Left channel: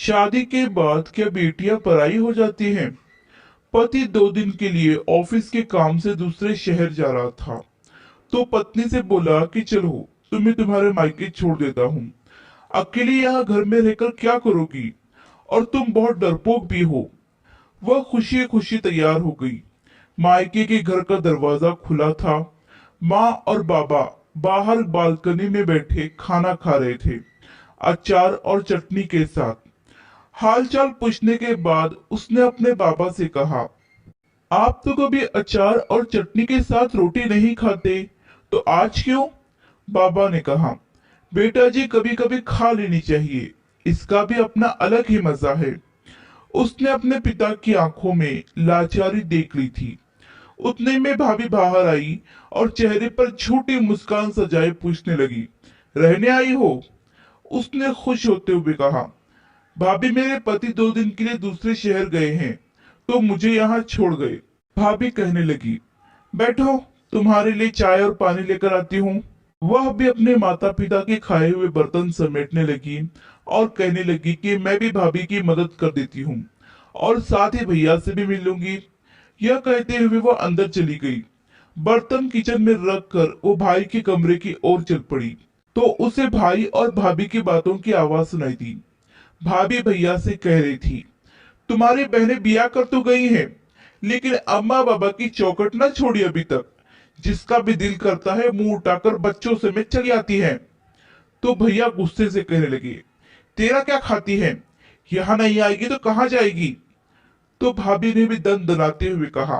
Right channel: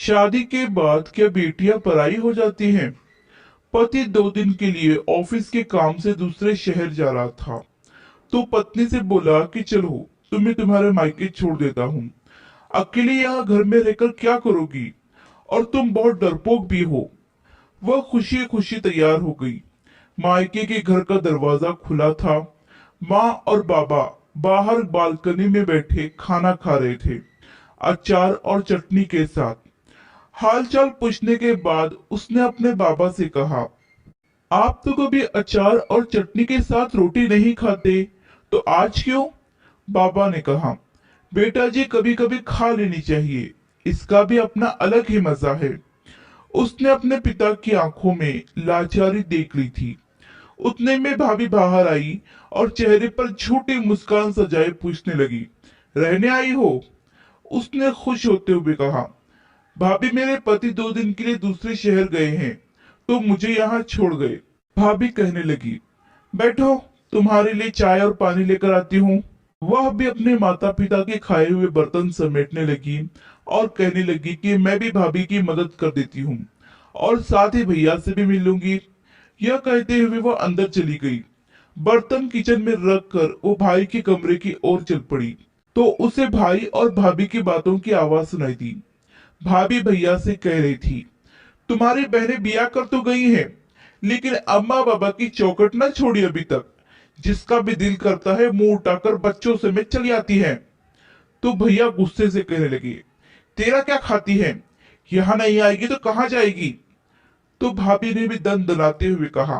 शादी के बाद क्या बेटियां पराई हो जाती हैं? पति 2 दिन के लिए ऑफिस के काम से दूसरे शहर जा रहा था, तो पत्नी से बोला कि चलो, तुम्हें तुम्हारे मायके छोड़ देता हूँ। अकेले यहाँ घर में रहकर क्या करोगी? और तुम बहुत डरपोक भी हो। वह खुशी खुशी तैयार हो गई। मायके के घर का दरवाजा खुला था। माँ और बाबा बाहर बालकनी में बैठे खाना खा रहे थे, अचार और चटनी के साथ। हालचाल पूछने के बाद उसने अपने बाबा से कहा, आप तो कभी अचार और चटनी के साथ रोटी नहीं खाते, तो आज क्यों? बाबा ने कहा, बेटा जी, कभी कभी खा लेनी चाहिए, इसका भी अपना अलग ही मजा है। उसने अपने पिता की आंखों में लाचारी देख ली थी। उतने में भाभी बाहर आई और चेहरे पर छोटी मुस्कान सजाए पूछने लगी, रहने आई हो? उसने खुश होते हुए कहा, भाभी, मेरे पति 2 दिन के लिए दूसरे शहर गए हैं, तो मुझे यहाँ छोड़ गए। भाभी कहने लगी, बैठो, तुम्हारे लिए चाय और पानी लेकर आती हूँ। वह भी अपने माता पिता के खाए हुए बर्तन समेटने लगी और कहने लगी कि मैं भी भाभी की मदद कर देती हूँ और साथ ही भैया से भी मिल लूंगी। यह कहते हुए वो अंदर चली गई। बर्तन किचन में रख कर वो भाई के कमरे की ओर चल पड़ी, तो उसे भाई और भाभी की बातों की आवाज सुनाई दी। भाभी भैया से कह रही थी, तुम्हारी बहनें बिया कर तो गई हैं, लेकिन अम्मा बाबा की चौखट न छोड़ी अभी तक। जिसका भी दिल करता है मुंह उठाकर बच्चों समेत चली आती है। तो भैया गुस्से से कहने लगे, तेरा क्या खाती है? यहाँ नहीं आएगी तो कहाँ जाएगी? तो भाभी ने भी दंड दनाते हुए कहा,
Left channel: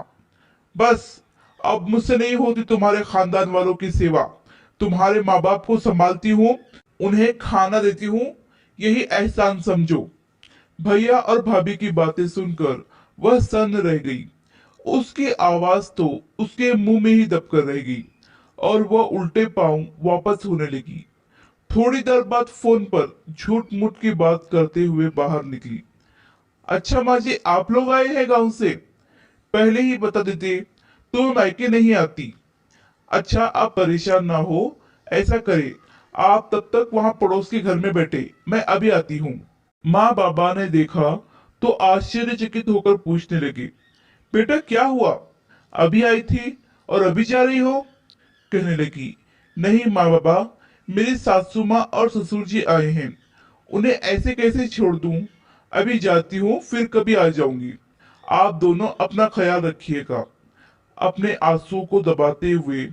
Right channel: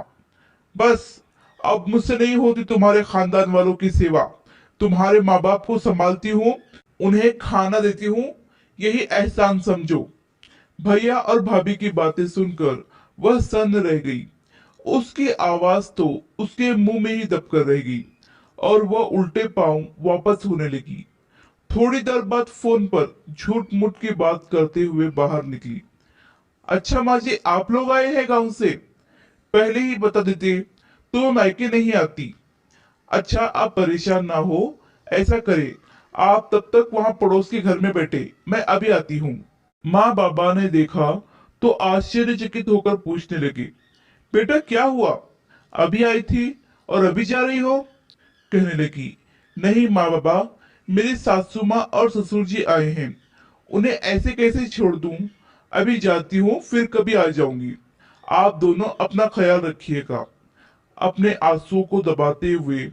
बस, अब मुझसे नहीं होती तुम्हारे खानदान वालों की सेवा। तुम्हारे माँ बाप को संभालती हूँ, उन्हें खाना देती हूँ, यही एहसान समझो। भैया और भाभी की बातें सुनकर वह सन्न रह गई। उसकी आवाज तो उसके मुंह में ही दबकर रह गई और वह उल्टे पांव वापस होने लगी। थोड़ी देर बाद फोन पर झूठ मूठ की बात करते हुए बाहर निकली। अच्छा माँ जी, आप लोग आए हैं गांव से? पहले ही बता देते तो मैं मायके नहीं आती। अच्छा, आप परेशान ना हो, ऐसा करे, आप तब तक वहां पड़ोस के घर में बैठे, मैं अभी आती हूँ। माँ बाबा ने देखा तो आश्चर्यचकित होकर पूछने लगे, बेटा क्या हुआ? अभी आई थी और अभी जा रही हो? कहने लगी, नहीं माँ बाबा, मेरी सासू माँ और ससुर जी आए हैं, उन्हें ऐसे कैसे छोड़ दूं? अभी जाती हूँ, फिर कभी आ जाऊंगी। आप दोनों अपना ख्याल रखिएगा। अपने आंसुओं को दबाते हुए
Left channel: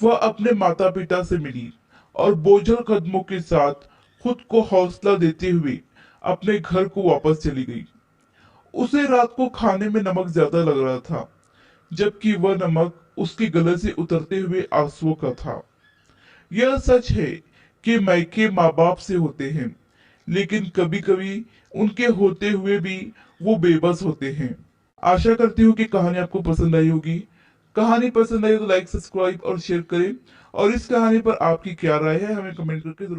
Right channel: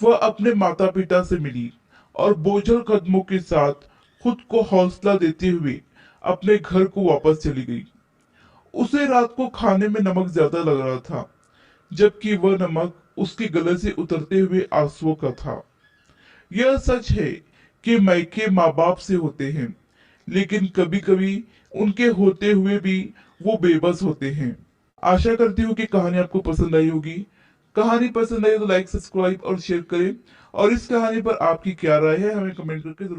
वह अपने माता पिता से मिली और बोझल कदमों के साथ खुद को हौसला देते हुए अपने घर को वापस चली गई। उसे रात को खाने में नमक ज्यादा लग रहा था, जबकि वह नमक उसके गले से उतरते हुए आंसुओं का था। यह सच है कि मायके माँ बाप से होते हैं, लेकिन कभी कभी उनके होते हुए भी वो बेबस होते हैं। आशा करती हूँ कि कहानी आपको पसंद आई होगी। कहानी पसंद आई तो लाइक, सब्सक्राइब और शेयर करें। और इस कहानी पर आपकी क्या राय है हमें कमेंट करके जरूर